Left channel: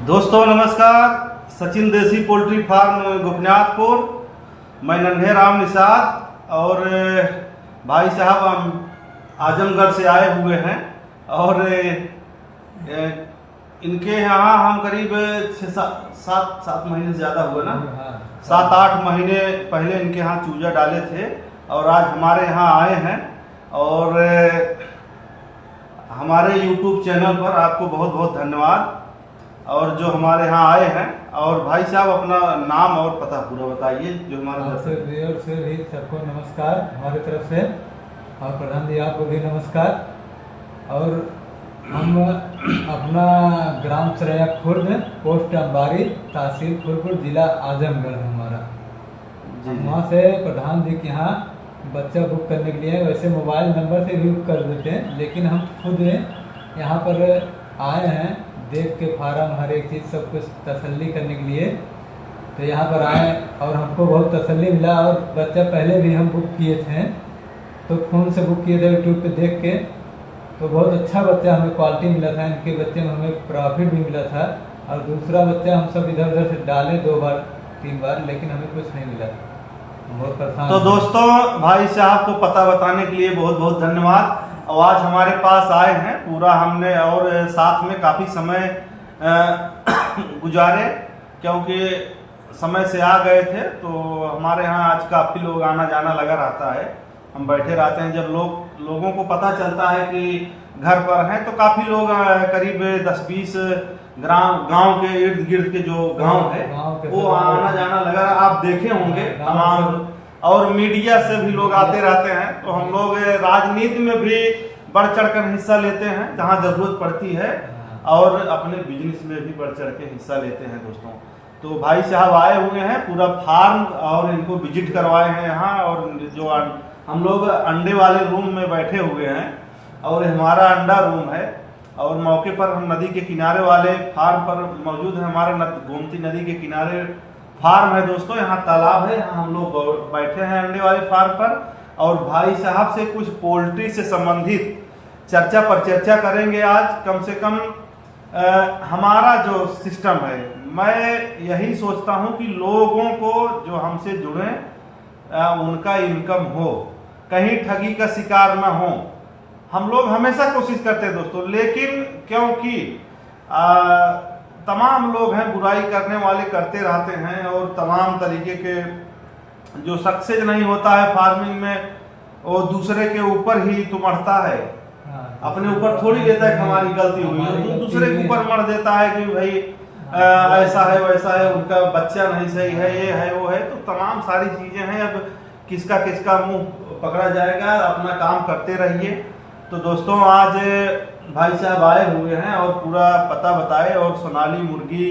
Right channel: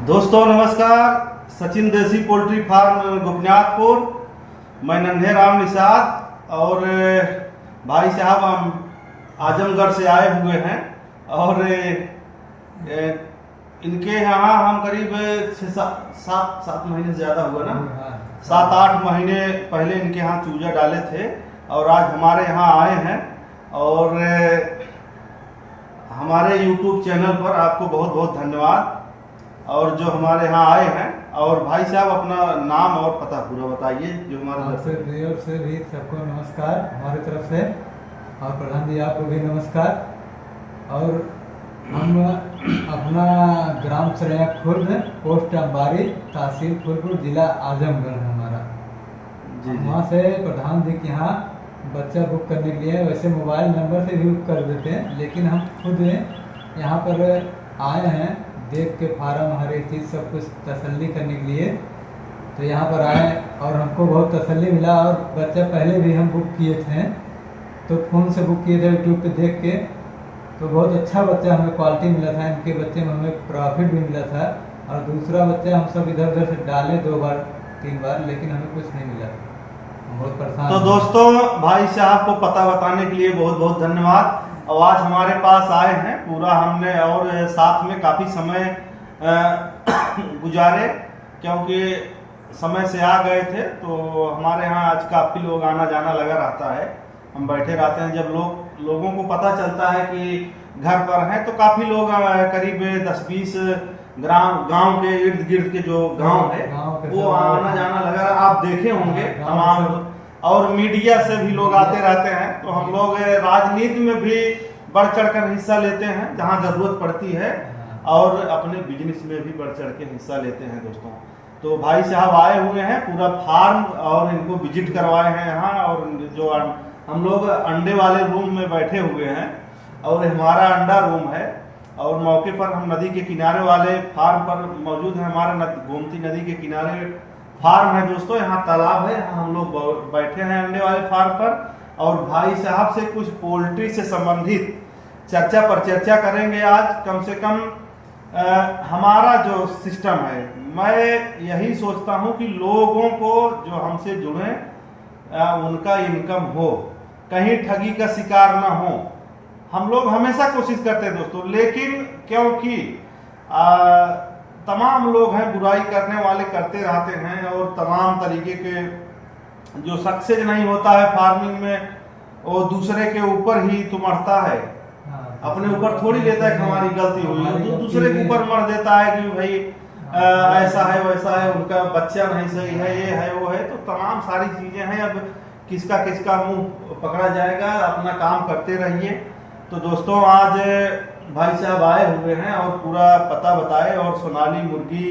दोस्तों नमस्कार। सचिन देसी पोल्ट्री फार्म गोपीनाथपुर। मैं नन्हे राम निषाद और भाई साहब हम आजमगढ़ से आए हुए हैं और इनके यहाँ हम करीब 7 महीने से ज़्यादा हुआ ना, 7-8 महीने पहले इनके यहाँ चूजा डाले थे और आज हमारे यहाँ आए हैं। और हमारे YouTube चैनल पर आपको बहुत बहुत धन्यवाद। और जो हमारे यहाँ आए हैं, और भाई साहब अपना नाम और पता पूरा बताइए जो हमारे से भी सबको नमस्कार हमारी तरफ से, और प्रधान जी आपको भी नमस्कार। और हम अपना ग्राम सरैया खुर्द, पोस्ट अंबारी, तहसील फूलपुर, जिला आजमगढ़ हमारा। वहाँ से प्रधान जी के यहाँ बच्चा बुक करने के लिए वैसे मोबाइल नंबर से भी बुक कर देते हैं, लेकिन हम खुद यहाँ पर आए हैं देख के फार्म हर एक चीज़ सब कुछ तसल्ली करने के लिए। तो यहाँ पर आए और हमको बहुत तसल्ली मिला। और बच्चा पहले भी हम बुक किए थे, तो फ़ोन से बुक किए थे यूट्यूब पे देख के, तो बहुत अच्छा बच्चा हमें क्वालिटी मिला था। इनके बच्चे में हमें प्रॉफिट भी मिला था। और दूसरा बच्चा हम सब इधर उधर से डाले 2 बार 3 बार, लेकिन हमें कुछ नहीं मिला, बहुत परेशान। तो दोस्तों भाई साहब को पता बताने के लिए बहुत बहुत धन्यवाद। और आज हमारे पास आए हैं पूरा हमने, और साथ में काफ़ी समय गुजारे, क्योंकि समय से आ गए थे। तो हमारे यहाँ आज काफ़ी लोग आना जाना लगा रहता है, हम बैठे रहते हैं। जब लोगों को पता चलता है कि घर पर हैं, तो काफ़ी लोग करीब 10-20 गांव के इर्द गिर्द के जो गांव है वो आना जाना लगा। आप देखे होंगे तमाम, और मीडिया से भी लोग आते रहते हैं। तो हम लोग राजनीति में भी बढ़ चढ़कर हिस्सा लेते हैं जहां जरूरत पड़ती है, और अपने बिजनेस में भी बढ़ चढ़ के हिस्सा लेते हैं दोस्तों। तो भाई साहब आए हुए हैं पूरा फार्म, और इनको विजिट करवाए हैं यहाँ। और जो हम लोग अंडे वाले रूम में बैठे हुए हैं, और हमारा अंडा रूम है, और मौके पर हम नदी के किनारे वाले फार्म पर मौजूद है। हमारा गोमती नदी के किनारे फार्म है दोस्तों, यहाँ तालाब है, यहाँ हम लोग बैठे हैं अंडे वाले फार्म पर। और भाई साहब से कुछ पोल्ट्री से संबंधित चर्चा करेंगे आज। कम से कम हमारा जो सिस्टम है, मैं यही सोचता हूँ कि लोगों को जो हमसे जुड़े उनका इनकम हो, कहीं ठगी का शिकार ना हो। हम लोग हमेशा कोशिश करते हैं दोस्तों, लेकिन क्योंकि तमाम लोग हैं बुराई करने वाले, करते रहते हैं, और तमाम तरीके के जो सक्सेस नहीं होता है फार्मिंग में, वो दूसरे के ऊपर ही तुमड़ता है, अपने ऊपर थोड़ी लेता है कि हमारी गलती हुई है, तो दूसरे के ऊपर मर देता है कि भाई ऐसा है वैसा है, उनका बच्चा नहीं सही है, ये है वो है। तो तमाम सारी चीजें हैं। अब किसका मुंह पकड़ा जाएगा, अपना काम करते रहिए। तो दोस्तों आज भाई साहब आए हुए हैं और पूरा पता बताए, और सोनाली मुर्गी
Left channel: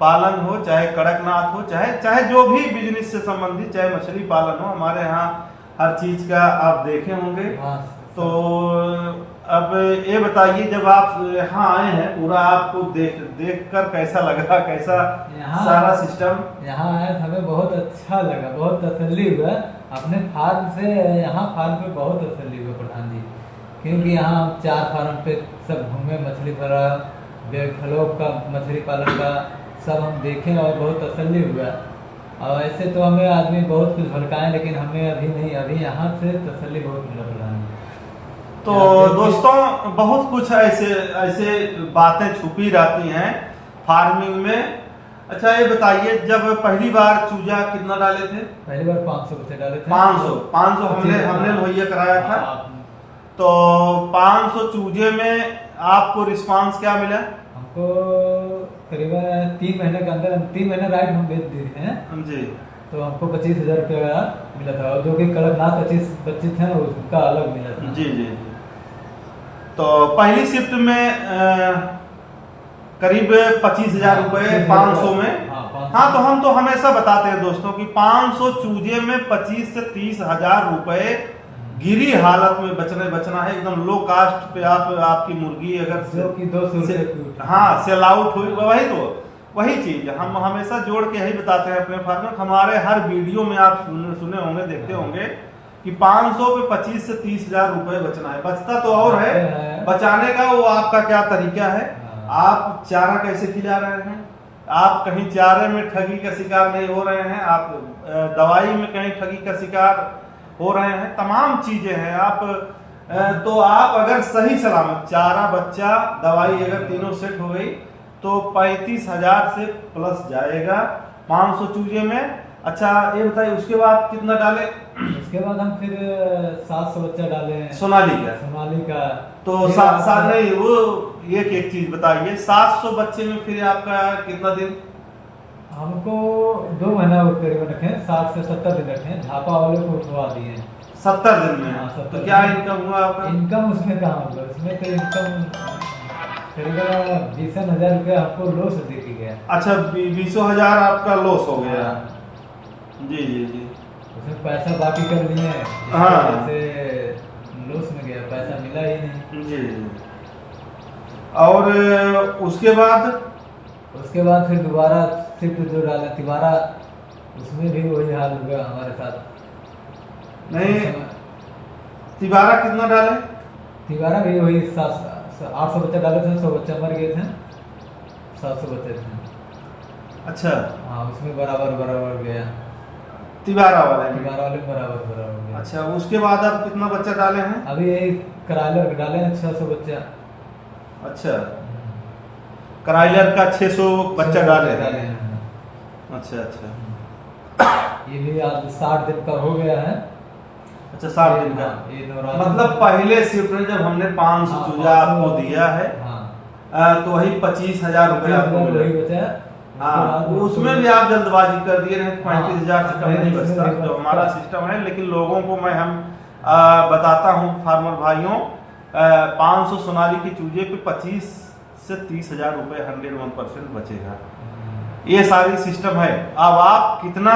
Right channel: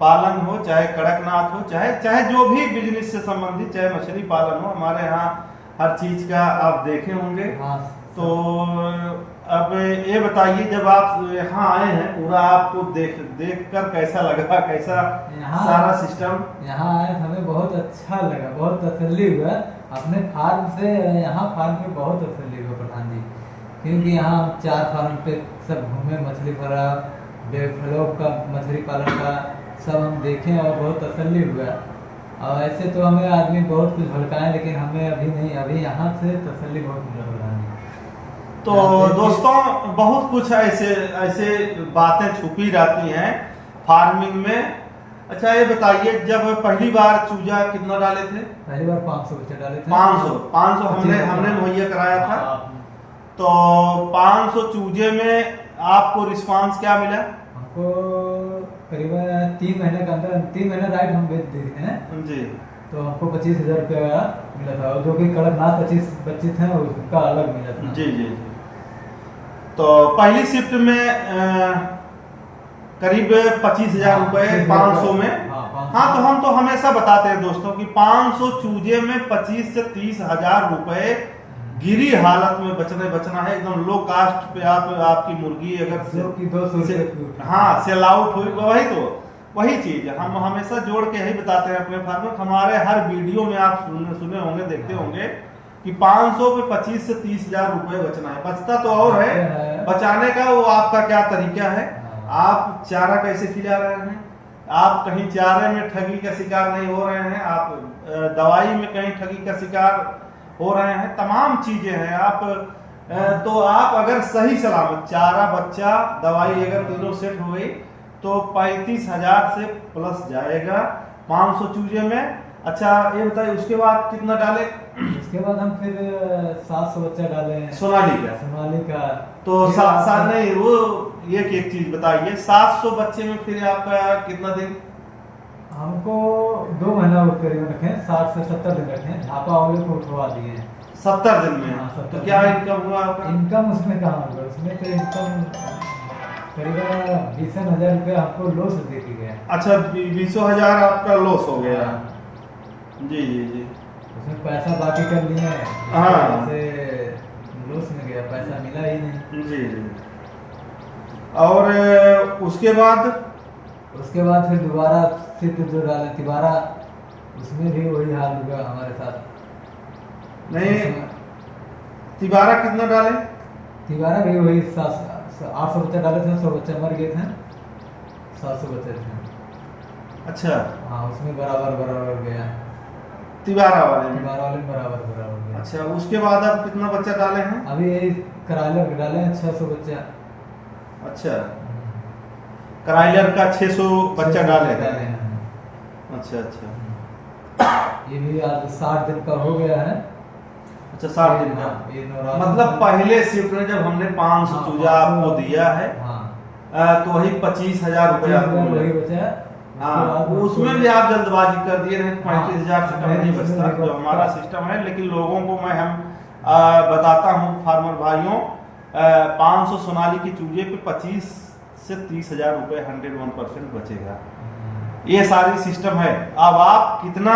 पालन हो, चाहे कड़कनाथ हो, चाहे जो भी बिजनेस से संबंधित, चाहे मछली पालन हो, हमारे यहाँ हर चीज का आप देखे होंगे। तो अब ये बताइए, जब आप यहाँ आए हैं, पूरा आपको देख कर कैसा लगा, कैसा सारा सिस्टम? यहाँ आए हमें बहुत अच्छा लगा, बहुत तसल्ली हुआ अपने फार्म से। यहाँ फार्म पे बहुत तसल्ली हुआ प्रधान जी, क्योंकि यहाँ हम 4 फार्म पे सब घूमे, मछली फार्म, बेफलोप का मछली पालन का सब हम देखें, और बहुत तसल्ली हुआ। और ऐसे तो हमें आदमी बहुत कुछ भड़काएं, लेकिन हमें अभी नहीं, अभी यहाँ से तसल्ली बहुत मिला प्रधान। तो दोस्तों बहुत कुछ ऐसे बातें छुपी रहती हैं फार्मिंग में। अच्छा ये बताइए, जब पहली बार चूजा कितना डाले थे? पहली बार 500 बच्चे डाले थे। 500 हमने मुहैया कराया था। तो 500 चूजे में आपको रिस्पांस क्या मिला? हमको करीबन 3 महीने के अंदर, 3 महीने राइट हम बेच दिए हैं जी। तो हमको 25,000 रुपया मिला था, और जो कि कड़कनाथ 25 बच्चे थे ना, उसका अलग मिला था। जी जी। तो पहली शिफ्ट में करीब 25,000 रुपए 500 में। हाँ, तो हम तो हमेशा बताते हैं दोस्तों कि 500 चूजे में 25 से 30,000 रुपए गिरी हालत में बचना है। एकदम लो कास्ट पे आपकी मुर्गी अगर सेल आउट हुई, वही चीज हम हमेशा जोड़ के यही बताते हैं अपने फार्म में। हमारे हर वीडियो में आप सुने होंगे, देखते होंगे कि 500 पे 25 से 30,000 रुपए बचना है। बचता तो और है, बचाने का वो आपका क्या तरीका है। आप चारा कैसे खिला रहे हैं, आप कहीं चारे में ठगी का शिकार नहीं हो रहे हैं, आप दवाई में कहीं ठगी का शिकार हो रहे हैं, तमाम चीजें हैं। आप तो आप अगर सही सलामत चारा, बच्चा, दवाई अगर तीनों सेट हो गई तो 35,000 से प्लस जाएगा 500 चूजे में। अच्छा ये बताइए उसके बाद कितना डाले? उसके बाद हम फिर 700 बच्चा डाले हैं सोनाली का। तो नहीं वो एक चीज बताइए, 700 बच्चे में फिर आपका कितना दिन? हमको 2 महीना करीबन रखे, 60 से 70 दिन रखे, झापा वाले को उठवा दिए 70 दिन में। हाँ, 70 तो क्या इनकम हुआ आपका? इनकम उसमें कहाँ होगा, उसमें तो इनकम करीबन 20,000 रुपया आपको लॉस दे के गया। अच्छा 20,000 आपका लॉस हो गया। जी जी जी, उसमें पैसा बाकी कर लिए, हाँ से लॉस में गया, पैसा मिला ही नहीं। जी जी। और उसके बाद फिर दोबारा सिर्फ जो डाले तिबारा, उसमें भी वही हाल हुआ हमारे साथ। नहीं तिबारा कितना डाले? तिबारा भी वही 800 बच्चा डाले थे, 100 बच्चा मर गए थे, 700 बच्चे थे। अच्छा हाँ उसमें बराबर गया, तिबारा वाले में बराबर गया। अच्छा उसके बाद आप कितना बच्चा डाले हैं? अभी यही कराइलर डाले हैं 600 बच्चा। अच्छा कराइलर का 600 बच्चा डाले हैं। अच्छा अच्छा, ये भी आज 60 दिन का हो गया है। अच्छा 60 दिन का, ये मतलब पहले शिफ्ट में जब हमने 500 चूजा आपको दिया है तो वही 25,000 रुपया आपको मिला। हाँ उसमें भी आप जल्दबाजी कर दिए रहे, 35,000 से कम नहीं बचता जो हमारा सिस्टम है। लेकिन लोगों को मैं बताता हूँ फार्मर भाइयों, 500 सोनाली की चूजे पे 25 से 30,000 रुपये 101% बचेगा। ये सारी सिस्टम है। अब आप कितना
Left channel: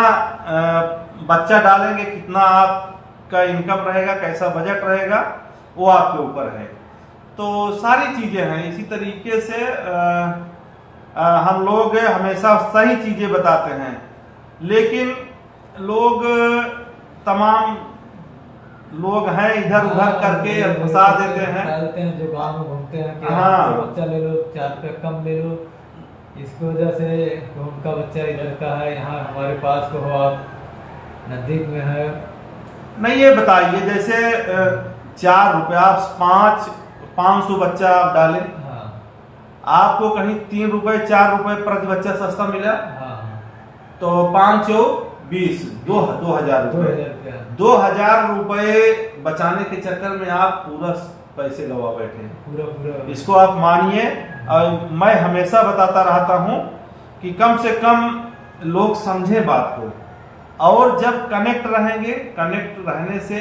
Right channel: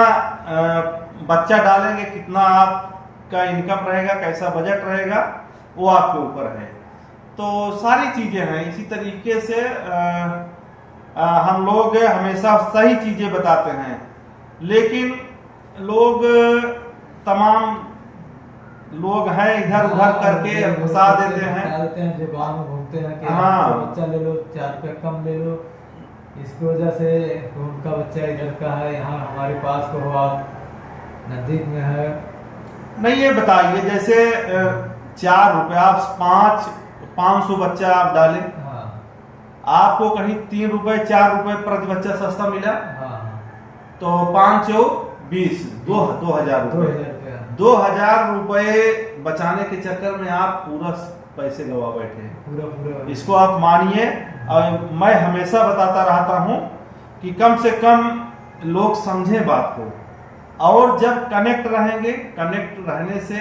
बच्चा डालेंगे, कितना आपका इनकम रहेगा, कैसा बजट रहेगा, वो आपके ऊपर है। तो सारी चीजें हैं। इसी तरीके से हम लोग हमेशा सही चीजें बताते हैं, लेकिन लोग तमाम लोग हैं इधर उधर करके फंसा देते हैं। जो गांव में घूमते हैं कि हाँ बच्चा ले लो, 4 रुपये कम ले लो, इसकी वजह से उनका बच्चा इधर का है, यहाँ हमारे पास को हो, आप नजदीक में है। नहीं ये बताइए जैसे 4 रुपया 500 बच्चा आप डालें, आपको कहीं 3 रुपए 4 रुपए प्रति बच्चा सस्ता मिला, तो 5 चौक 20, 2,000 रुपए। 2,000 रुपए बचाने के चक्कर में आप पूरा पैसे गवा बैठे हैं। पूरा इसको आप मानिए। और मैं हमेशा बताता रहता हूं कि कम से कम लोग समझें बात को, और जब कनेक्ट रहेंगे, कनेक्ट रहने से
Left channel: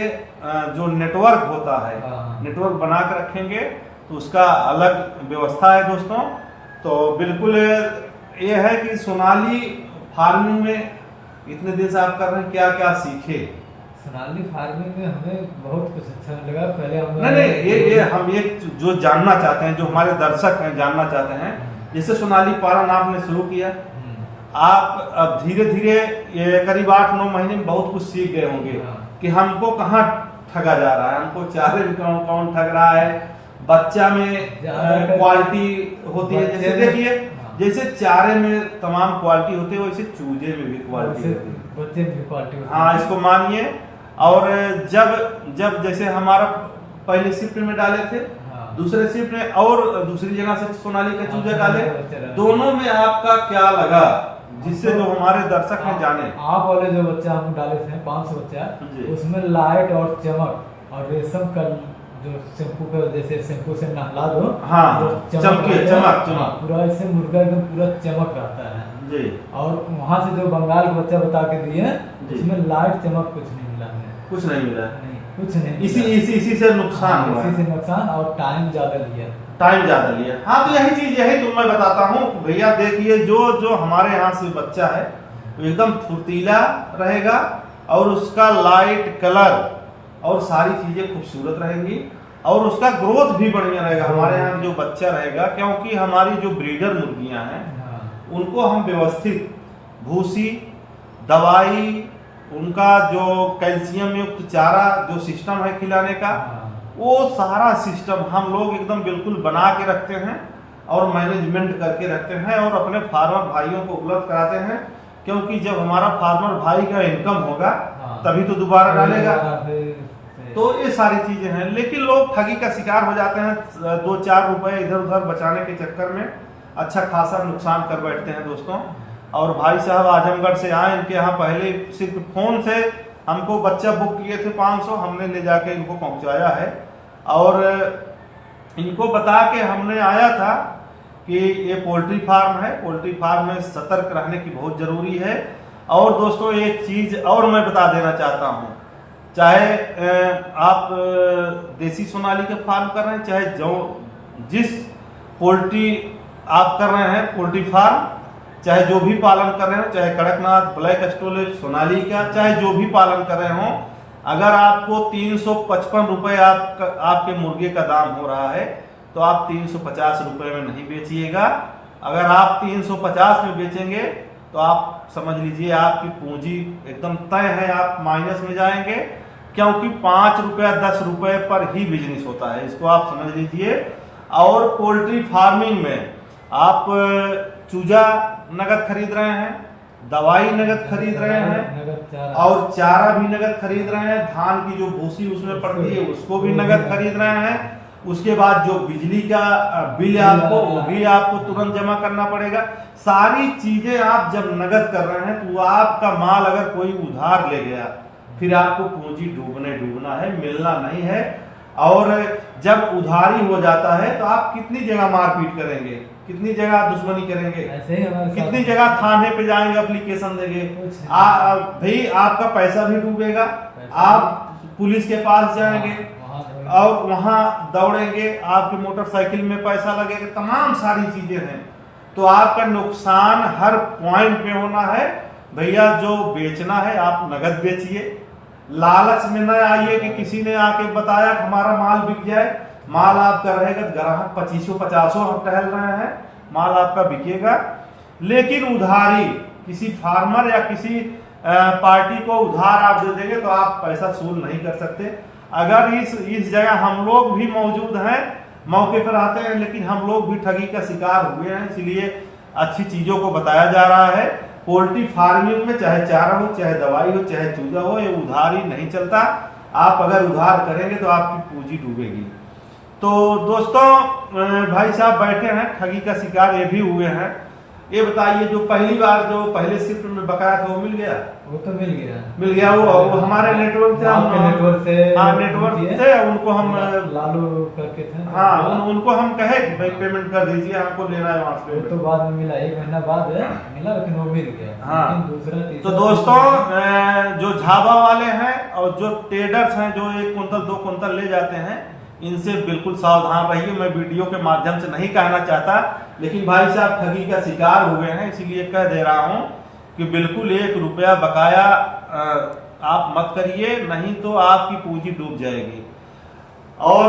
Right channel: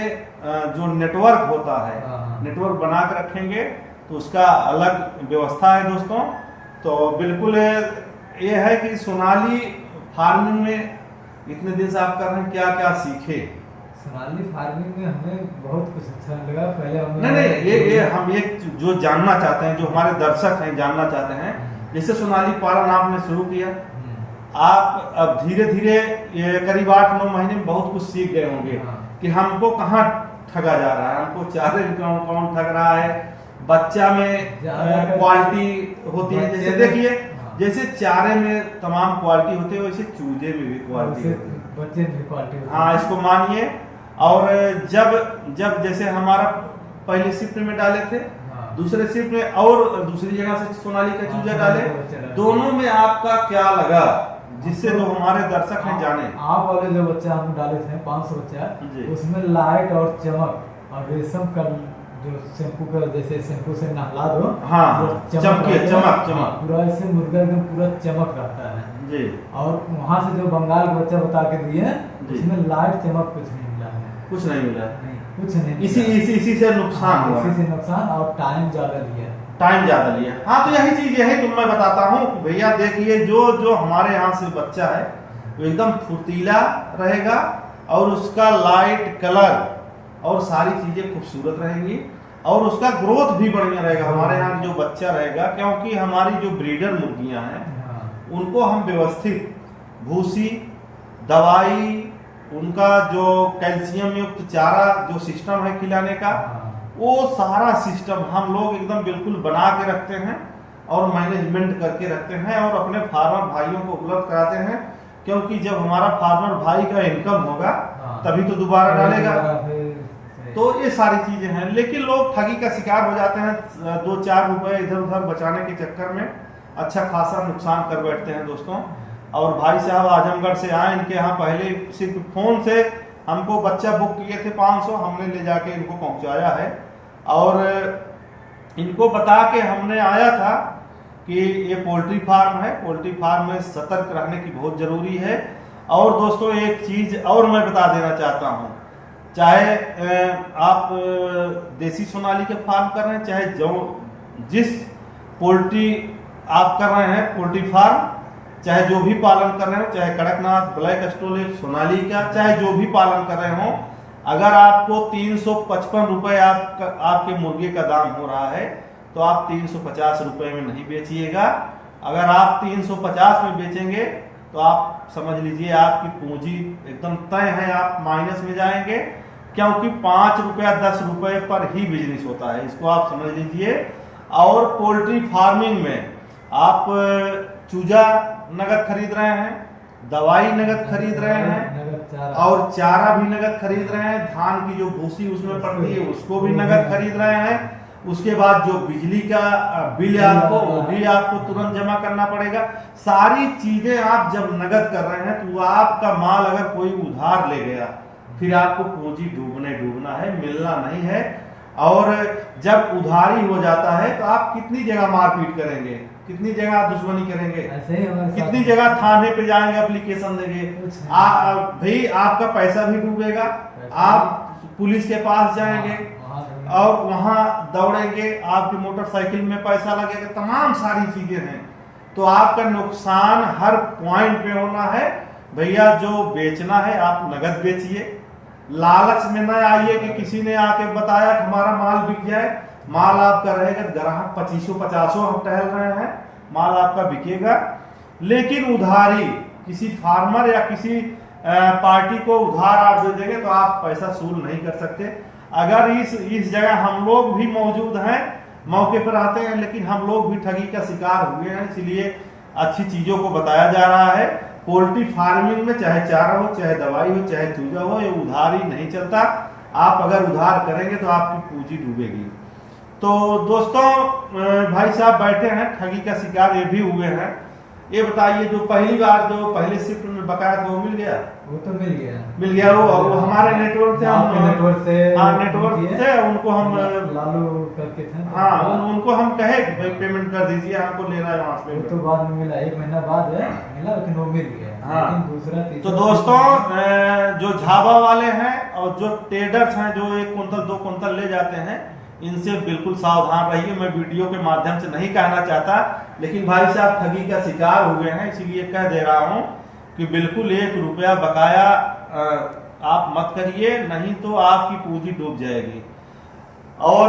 जो नेटवर्क होता है, नेटवर्क बना के रखेंगे तो उसका अलग व्यवस्था है दोस्तों। तो बिल्कुल ये है कि सोनाली फार्मिंग में इतने दिन से आप कर रहे हैं, क्या क्या सीखे? सोनाली फार्मिंग में हमें बहुत कुछ अच्छा लगा। पहले हम नहीं ये हम एक जो जानना चाहते हैं, जो हमारे दर्शक हैं जानना चाहते हैं, जैसे सोनाली पालन आपने शुरू किया, आप अब धीरे धीरे ये करीब 8-9 महीने में बहुत कुछ सीख गए होंगे कि हमको कहाँ ठगा जा रहा है, हमको चारे में कौन ठग रहा है, बच्चा में क्वालिटी होती है। जैसे देखिए जैसे चारे में तमाम क्वालिटी होती है, वैसे चूजे में भी क्वालिटी होती है, बच्चे में भी क्वालिटी होती है। हाँ इसको मानिए। और जब जैसे हमारा पहले शिफ्ट में डाले थे, दूसरे शिफ्ट में और दूसरी जगह से सोनाली का चूजा डाले, दोनों में आपका क्या लगा, जिससे जो हमारे दर्शक हैं जाने? आप वाले जो बच्चा हम डाले थे 500 बच्चा, उसमें लाइट और चमक और रेशम का जो शैम्पू का, जैसे शैम्पू से नहला दो, हाँ चमक पूरा ऐसे मुर्गा एकदम पूरा चमक रहता है जी। और वहाँ से जो बंगाल का बच्चा बता के दिए, उसमें लाइट चमक कुछ नहीं मिला, कुछ नहीं मिला, कुछ नहीं। इसी से नुकसान हुआ, इसी से नुकसान, और टाइम ज्यादा लिया। हाँ तो यही तो मैं बताता हूँ भैया। देखिए जो हमारे यहाँ से बच्चा है वो एकदम फुर्तीला रहेगा, और उसका लाइट कलर और सारी चीजें खूबसूरत रहेंगी, और उसका ग्रोथ भी बढ़िया रहेगा हमारे यहाँ जो बच्चा रहेगा। क्योंकि हमारी जो ब्रीडर मुर्गियां हैं उनको हम व्यवस्थित भूसी, दवाई, उनका जो कैल्शियम युक्त चारा जो सिस्टम है खिलाने का, वो सारा सिस्टम हम लोग एकदम बिल्कुल बना के रखते हैं। और मैनेजमेंट करके रखते हैं और अपने फार्मर भाइयों को उपलब्ध कराते हैं, क्योंकि जब हमारा फार्मर भाई का इनकम होगा तभी तो दोबारा डालेगा। तो ये सारी चीजें हैं, लेकिन लोग ठगी का शिकार हो जाते हैं, 2-4 रुपए इधर उधर बचाने के चक्कर में अच्छा खासा नुकसान कर बैठते हैं दोस्तों। और भाई साहब आजमगढ़ से आए, इनके यहाँ पहले सिर्फ फोन से हमको बच्चा बुक किए थे 500, हमने ले जाके इनको पहुंचाया है और इनको बता के हमने आया था कि ये पोल्ट्री फार्म है, पोल्ट्री फार्म में सतर्क रहने की बहुत जरूरी है। और दोस्तों एक चीज और मैं बता देना चाहता हूँ, चाहे आप देसी सोनाली का फार्म कर रहे हैं, चाहे जो जिस पोल्ट्री आप कर रहे हैं पोल्ट्री फार्म, चाहे जो भी पालन कर रहे हो, चाहे कड़कनाथ, ब्लैक स्टोलेज, सोनाली का, चाहे जो भी पालन कर रहे हो, अगर आपको 355 रुपए आपके मुर्गे का दाम हो रहा है तो आप 350 रुपए में नहीं बेचिएगा। अगर आप 350 में बेचेंगे तो आप समझ लीजिए आपकी पूंजी एकदम तय है, आप माइनस में जाएंगे, क्योंकि 5 रुपया 10 रुपए पर ही बिजनेस होता है, इसको आप समझ लीजिए। और पोल्ट्री फार्मिंग में आप चूजा नगद खरीद रहे हैं, दवाई नगद खरीद रहे हैं और चारा भी नगद खरीद रहे हैं, धान की जो भूसी उसमें पड़ती है उसको भी नगद खरीद रहे हैं। उसके बाद जो बिजली का बिल आपको वो भी आपको तुरंत जमा करना पड़ेगा। सारी चीजें आप जब नगद कर रहे हैं तो आपका माल अगर कोई उधार ले गया फिर आपको पूंजी डूबना है, मिलना नहीं है। और जब उधारी हो जाता है तो आप कितनी जगह मारपीट करेंगे, कितनी जगह दुश्मनी करेंगे, कितनी जगह थाने पे जाएंगे, एप्लीकेशन देंगे, भाई आपका पैसा भी डूबेगा, आप पुलिस के पास जाएंगे और वहां दौड़ेंगे, आपकी मोटरसाइकिल में पैसा लगेगा, तमाम सारी चीजें हैं। तो आपका नुकसान हर पॉइंट पे होना है। भैया जो बेचना है आप नगद बेचिए, लालच में न आइए कि किसी ने आके बताया कि हमारा माल बिक जाए। माल आपका रहेगा, ग्राहक 2500-50 हम टहल रहे हैं, माल आपका बिकेगा। लेकिन उधारी किसी फार्मर या किसी पार्टी को उधार आप दे देंगे तो आप पैसा वसूल नहीं कर सकते। अगर इस जगह हम लोग भी मौजूद हैं, मौके पर आते हैं, लेकिन हम लोग भी ठगी का शिकार हुए हैं, इसलिए अच्छी चीजों को बताया जा रहा है। पोल्ट्री फार्मिंग में चाहे चारा हो, चाहे दवाई हो, चाहे चूजा हो, ये उधारी नहीं चलता। आप अगर उधार करेंगे तो आपकी पूंजी डूबेगी। तो दोस्तों भाई साहब बैठे हैं, ठगी का शिकार ये भी हुए हैं। ये बताइए जो पहली बार जो पहले शिफ्ट में बकाया था वो मिल गया? वो तो मिल गया। वो हमारे नेटवर्क से नेटवर्क से उनको हम लालू करके थे। हाँ उनको हम कहे भाई पेमेंट कर दीजिए, हमको लेना है वहाँ से। तो बाद में मिला, 1 महीना बाद मिला, लेकिन वो मिल गया। हाँ। लेकिन दूसरा तो दोस्तों जो झाबा वाले हैं और जो ट्रेडर्स हैं जो 1 कुंतल 2 कुंतल ले जाते हैं, इनसे बिल्कुल सावधान रहिए। मैं वीडियो के माध्यम से नहीं कहना चाहता, लेकिन भाई साहब ठगी का शिकार हुए हैं, इसीलिए कह दे रहा हूं कि बिल्कुल 1 रुपया बकाया आप मत करिए, नहीं तो आपकी पूंजी डूब जाएगी। और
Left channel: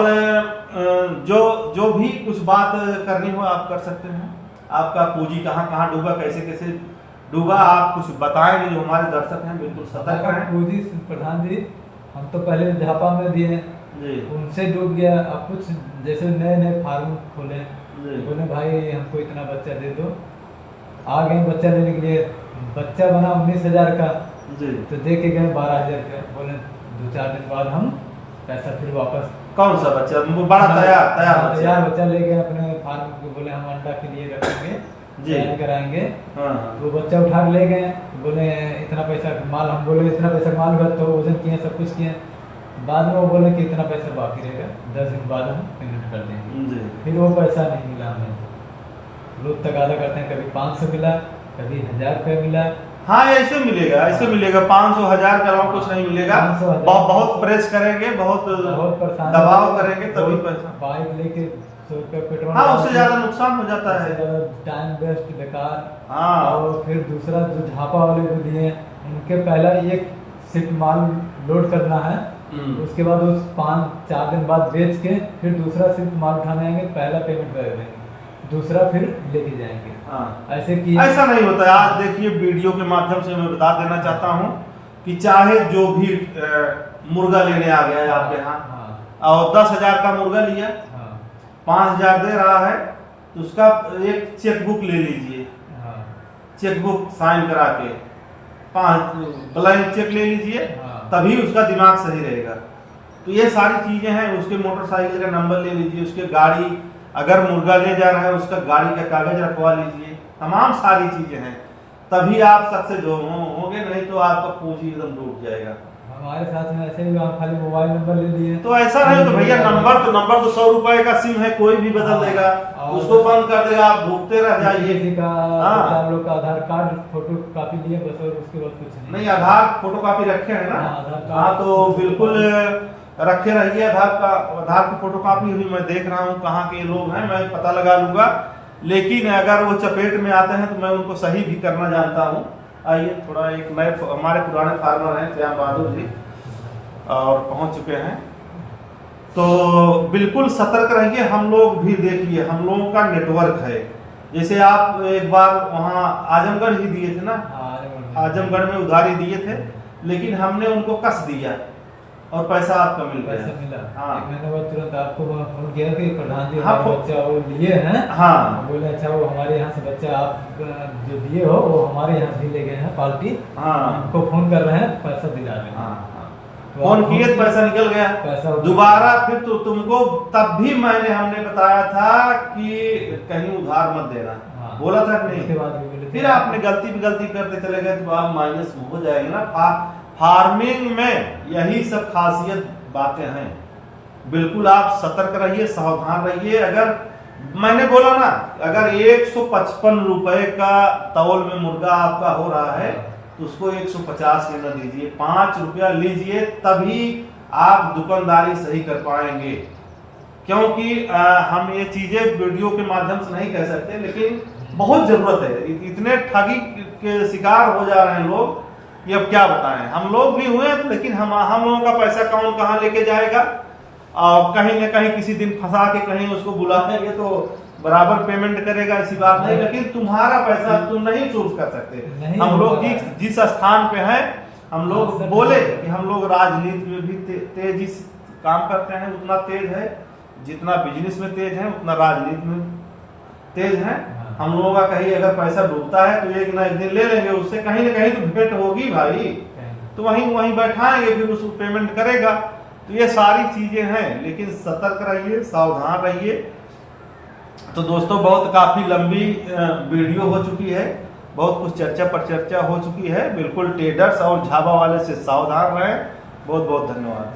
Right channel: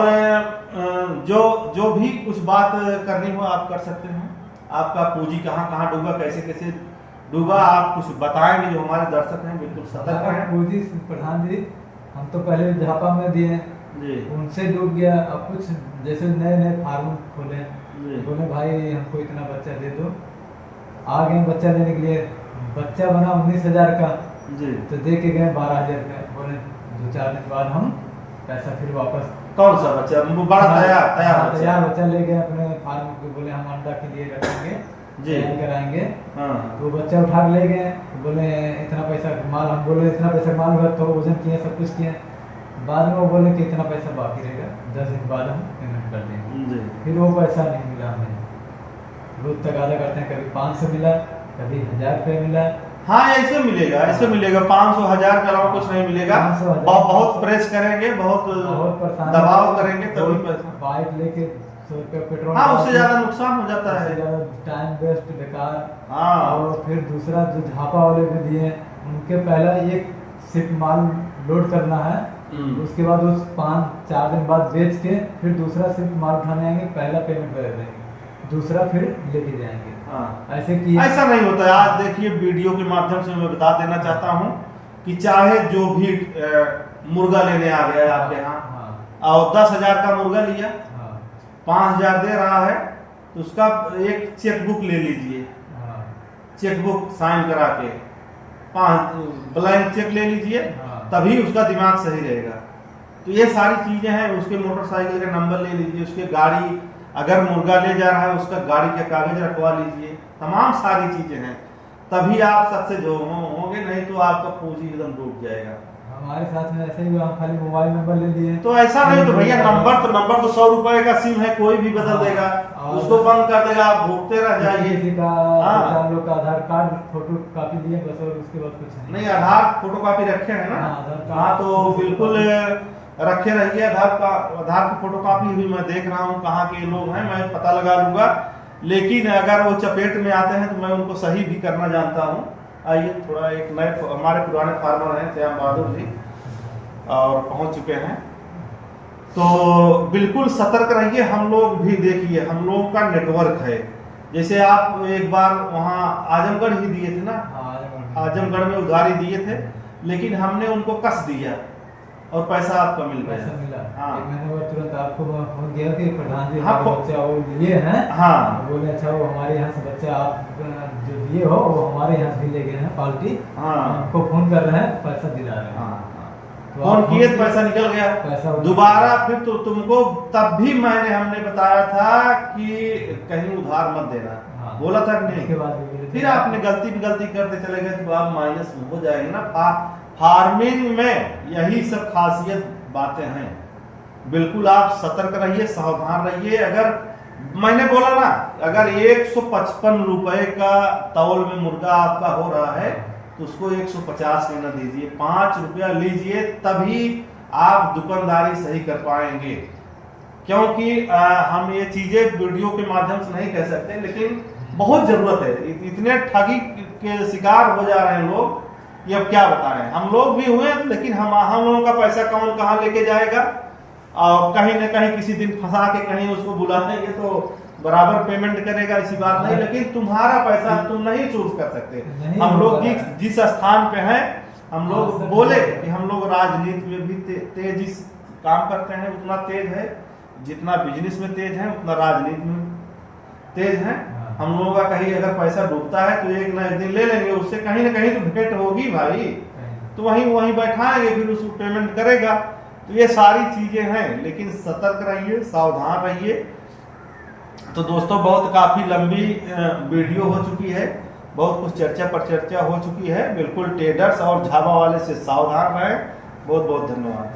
जो भी कुछ बात करनी हो आप कर सकते हैं। आपका पूंजी कहाँ डूबा, कैसे कैसे डूबा, आप कुछ बताएंगे जो हमारे दर्शक हैं बिल्कुल सतर्क हैं। पूंजी प्रधान जी हम तो पहले झापा में दिए, उनसे डूब गया। अब कुछ जैसे नए फार्म खोले, बोले भाई हमको इतना बच्चा दे दो, आ गए बच्चा लेने के लिए। बच्चा बना 19,000 का, तो दे के गए 12,000 का। बोले 2-4 दिन बाद हम पैसा फिर वापस। कौन सा बच्चा? बड़ा तैयार बच्चा ले गए अपने फार्म को, बोले हम अंडा के लिए रखेंगे, कराएंगे। तो बच्चा उठा ले गए, बोले इतना पैसा माल, हम बोले इतना पैसा माल हुआ, तो वजन किए, सब कुछ किए। बाद में वो बोले कि इतना पैसा बाकी रहेगा, 10 दिन बाद हम पेमेंट कर देंगे। फिर वो पैसा नहीं मिला हमें। रोज तगादा करते हैं, कभी 500 मिला, कभी 1000 रुपये मिला। हाँ ऐसे मिलेगा, ऐसे मिलेगा। 500-1000 के अलावा कुछ नहीं मिलेगा। बहुत प्रेस करेंगे, बहुत दबाव करेंगे तभी पैसा। बाइक लेके 100 रुपया पेट्रोल, हाँ उससे ज्यादा नुकसान हो जाता है, टाइम वेस्ट बेकार। हाँ। और फिर दूसरा जो झापा वाले को दिए, उनके पहला 1 शिफ्ट माल लोड करना है, उसके बाद उस 5-4 दिन बाद बेच के फिर दूसरा शिफ्ट माल उठाने आएंगे, पहला पेमेंट कर देंगे, दूसरा फिर लेके जाएंगे। हाँ। ऐसा नहीं होता है। आज देखिए वीडियो के माध्यम से मैं बता देना चाहता हूँ कि चाहे जो भी मुर्गा लेने आ गया आपके यहाँ और 10,000 का मुर्गा लिया, 5,000 दे रहा है, तो उसका एक चेकबुक ले लीजिए, हाँ, चेकबुक साइन करा के 5 ब्लैंक चेक ले लीजिए, हाँ। तभी उसका दिमाग सही रहेगा। तो ये सारी चीजें हैं। उसके मोटरसाइकिल का नंबर ले लीजिए, उसके गाड़ी अगर मुर्गा ले जा रहा है उसका गाड़ी का कागज रखवा लीजिए, तमाम सारी चीजें हैं, तभी आप सक्सेस होंगे, नहीं तो आपका पूंजी एकदम डूब जाएगा। हमारे साथ में ऐसे ही हम खाली मोबाइल नंबर ले लिए। तो ऐसा नहीं तो भैया नंबर तो 100 रुपए का सिम है, कोई भी बदल देगा, उसको बंद कर देगा, आप भूखते रह जाइए। किसी का हाँ। हम लोग का आधार कार्ड फोटो कॉपी लिए बस, और उसके बाद कुछ नहीं, आधार फोटो कॉपी रखे हैं ना? हाँ, आधार कार्ड। हाँ, तो बिल्कुल रखे रहिए। आधार की फोटो कॉपी भी मैं देख रहा हूँ कहाँ के लोग हैं, मैं पता लगा लूंगा। लेकिन अगर वो चपेट में आते हैं तो मैं उनको सही भी करना जानता हूँ। आइए थोड़ा एक नए हमारे पुराने फार्मर हैं श्याम बहादुर जी, और पहुंच चुके हैं। तो बिल्कुल सतर्क रहिए। हम लोग भी देखिए, हम लोगों का नेटवर्क है। जैसे आप एक बार वहाँ आजमगढ़ ही दिए थे ना, आजमगढ़ में उधारी दिए थे, लेकिन हमने उनको कस दिया और पैसा आपका मिल गया। पैसा मिला। हाँ। एक मैंने वो तुरंत आपको फोन किया कि प्रधान जी हाँ, हमारा बच्चा वो लिए हैं। हाँ। बोले अच्छा वो हमारे यहाँ से बच्चा आप जो दिए हो वो हमारे यहाँ से ले गए हैं पार्टी। हाँ। हमको फोन कर रहे हैं, पैसा दिला रहे हैं। हाँ, तो फोन आप किए तो पैसा निकल गया। पैसा दोबारा फिर तो तुमको तब भी हमने बताया था कि कहीं उधार मत देना। हाँ। बोला था कि उसके नहीं? बाद भी बोले थे। फिर आपने गलती करते चले गए तो आप माइनस हो जाएंगे ना। फार्मिंग में यही सब खासियत बातें हैं। बिल्कुल आप सतर्क रहिए, सावधान रहिए। अगर मैंने बोला ना, अगर 155 रुपए का तौल में मुर्गा आपका हो रहा है तो उसको 150 में न दीजिए, 5 रुपया लीजिए, तभी आप दुकानदारी सही कर पाएंगे। क्योंकि हम ये चीजें वीडियो के माध्यम से नहीं कह सकते, लेकिन बहुत जरूरत है। इतने ठगी के शिकार हो जा रहे हैं लोग, ये अब क्या बताएं। हम लोग भी हुए, लेकिन हम लोगों का पैसा कौन कहाँ लेके जाएगा। कहीं न कहीं किसी दिन फंसा के कहीं उसको बुला लेंगे तो बराबर पेमेंट करेगा, ऐसी बात नहीं। लेकिन तुम्हारा पैसा तुम नहीं चूज कर सकते। हम लोग जिस स्थान पे हैं, हम लोग बोले कि हम लोग राजनीति में भी तेजी से काम करते हैं, उतना तेज है जितना बिजनेस में तेज है, उतना राजनीति में तेज है। हम लोगों का कहीं अगर पैसा डूबता है तो एक ना एक दिन ले लेंगे उससे, कहीं ना कहीं तो भेंट होगी भाई, तो वहीं बैठाएंगे, फिर उसको पेमेंट करेगा। तो ये सारी चीजें हैं, लेकिन सतर्क रहिए, सावधान रहिए। तो दोस्तों बहुत काफी लंबी वीडियो हो चुकी है, बहुत कुछ चर्चा पर चर्चा हो चुकी है। बिल्कुल ट्रेडर्स और झाबा वाले से सावधान रहें। बहुत बहुत धन्यवाद।